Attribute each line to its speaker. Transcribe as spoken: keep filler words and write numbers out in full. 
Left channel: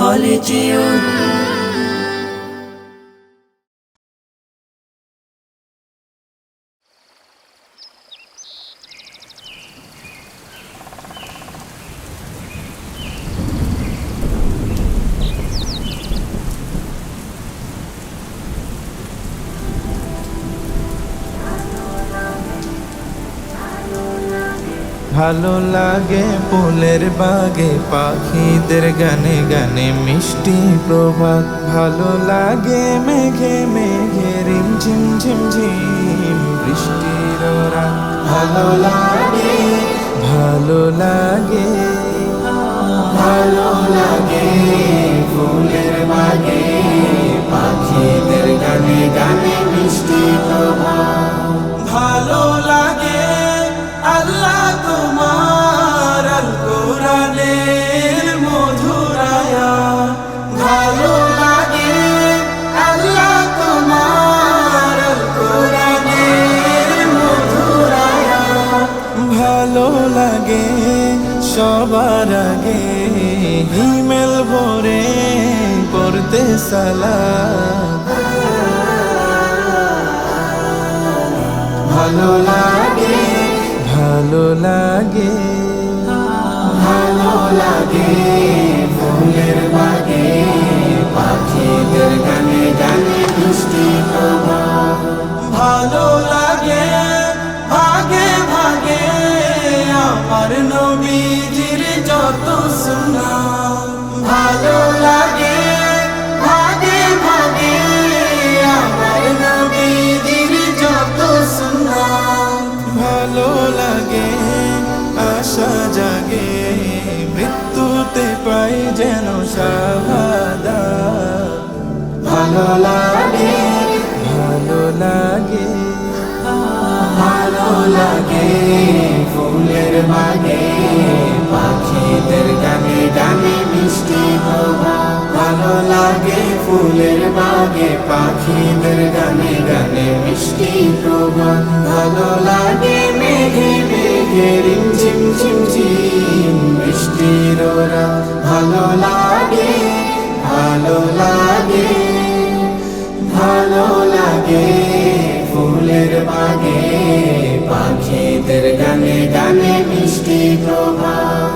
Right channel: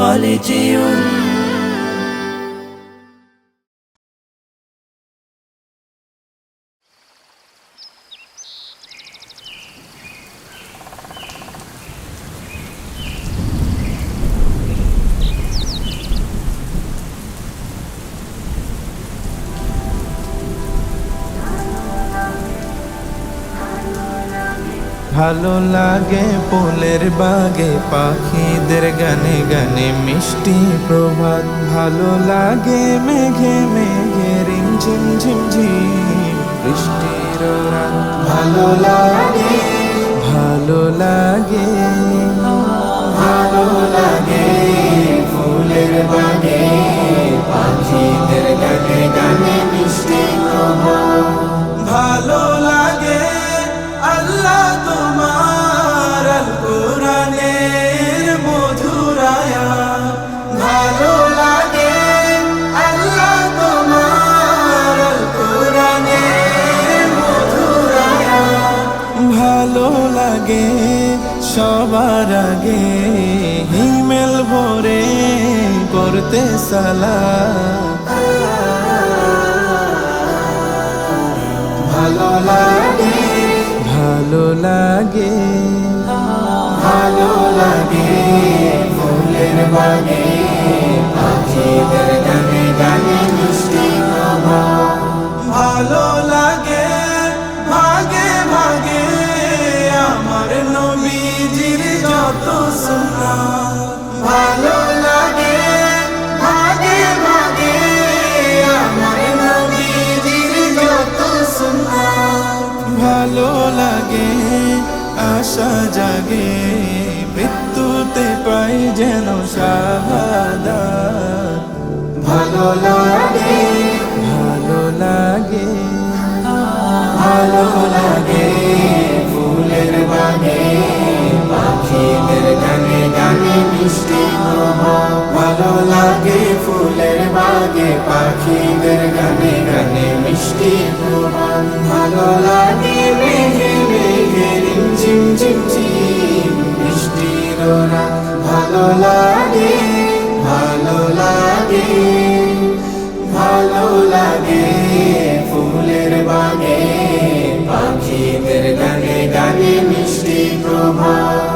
Speaker 1: কলেজিয়ন।
Speaker 2: ভালো লাগে ফুলের বাগে পাখিদের গানে গানে মিষ্টি প্রভাত। ভালো লাগে মেঘে মেঘে রিম ঝিম ঝিম ঝিম বৃষ্টির রাত। ভালো লাগে ভালো লাগে ভালো লাগে ফুলের বাগে পাখিদের গানে গানে মিষ্টি প্রভাত। ভালো লাগে আল্লাহ তোমার আল কুরআনের মধুর আয়াত। ভালো লাগে আল্লাহ তোমার আল কুরআনের মধুর আয়াত। ভালো লাগে সবার আগে হিমেল ভরে পড়তে সালাত। ভালো লাগে ভালো লাগে ভালো লাগে ফুলের বাগে পাখিদের গানে গানে মিষ্টি প্রভাত। ভালো লাগে ভাগে ভাগে আমার নবীজির যত সুন্নাত। ভালো লাগে ভাগে ভাগে আমার নবীজির যত সুন্নাত। ভালো লাগে আশা জাগে মৃত্যুতে পাই যেন শাহাদাত। ভালো লাগে ভালো লাগে ভালো লাগে ফুলের বাগে পাখিদের গানে গানে মিষ্টি প্রভাত। ভালো লাগে ফুলের বাগে পাখিদের গানে গানে মিষ্টি প্রভাত। ভালো লাগে মেঘে মেঘে রিম ঝিম ঝিম ঝিম বৃষ্টির রাত। ভালো লাগে ভালো লাগে ভালো লাগে ফুলের বাগে পাখিদের গানে গানে মিষ্টি প্রভাত।